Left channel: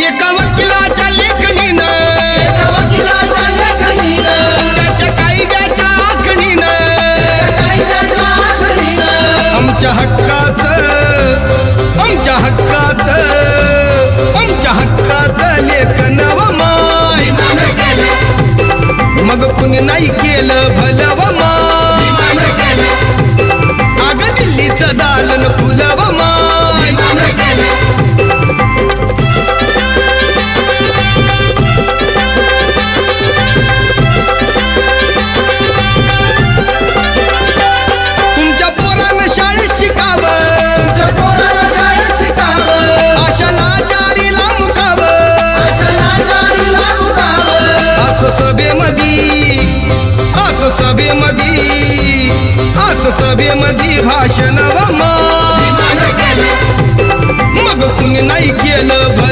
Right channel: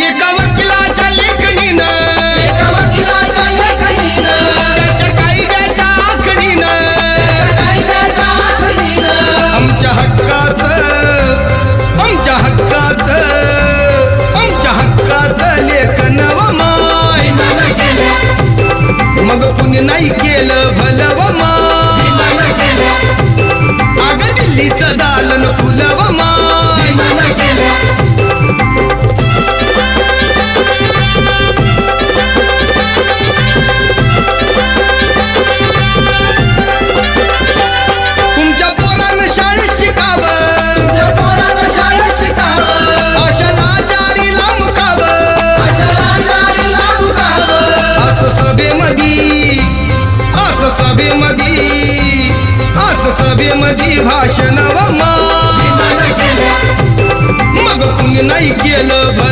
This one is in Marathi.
एका वकिलाच्या लेखणीनं त्याच्या कायद्याच्या आखणीनं आमच्या हक्काचं लेखन व माय मग कुणी नाही केलं भलं व माय अग दिल्लीचं दालन फुलं व माय तुमच्या पोरानं शाळेत शिकावं आशाला जारीला मुकावं असं सभेमध्ये भाषण व माय मग कुणी नाही केलं भलं